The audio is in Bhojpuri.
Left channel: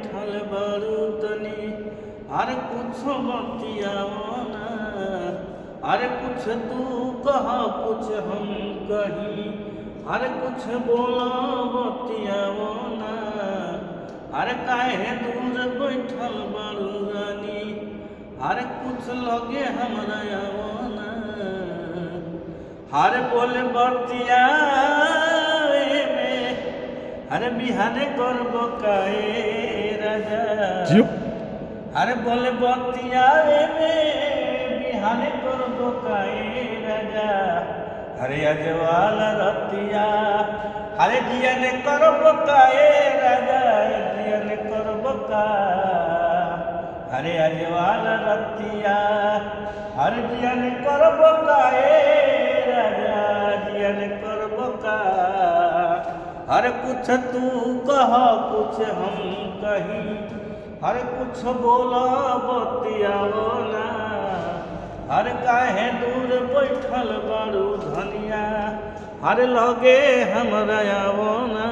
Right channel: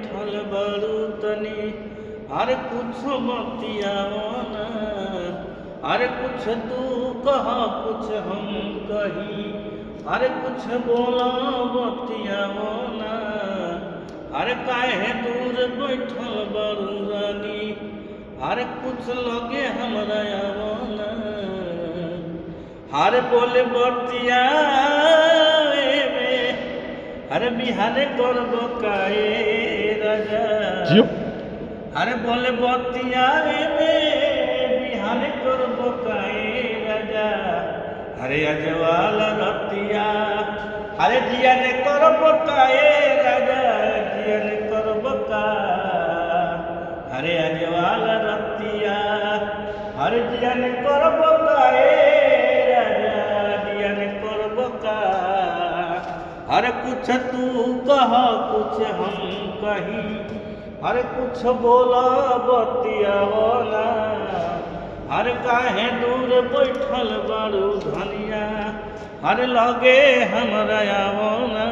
बैठल बारू तनी, अरे कुछ बतियाओ ना, अरे कुछ तू कहा कुछ हम कही, अरे कुछ बोला बतियाओ ना, अरे काहे दूर बैठल बारू रानी, अरे कुछ लगे हमरा आओ ना, अरे बोले बतिया अरे बिहाने करब काहे राजा, अरे बोले बतिया बिहाने करब काहे राजा, अरे अजवाल रतिया अरे जियन करब काहे राजा, जियन करब का अरे अजवाल रतिया अरे जियन करब काहे राजा, जियन करब का अरे कुछ तू कहा कुछ हम कही, अरे कुछ बोला बतियाओ ना, अरे काहे दूर बैठल बारू धनिया, अरे लगे हमरा आओ ना।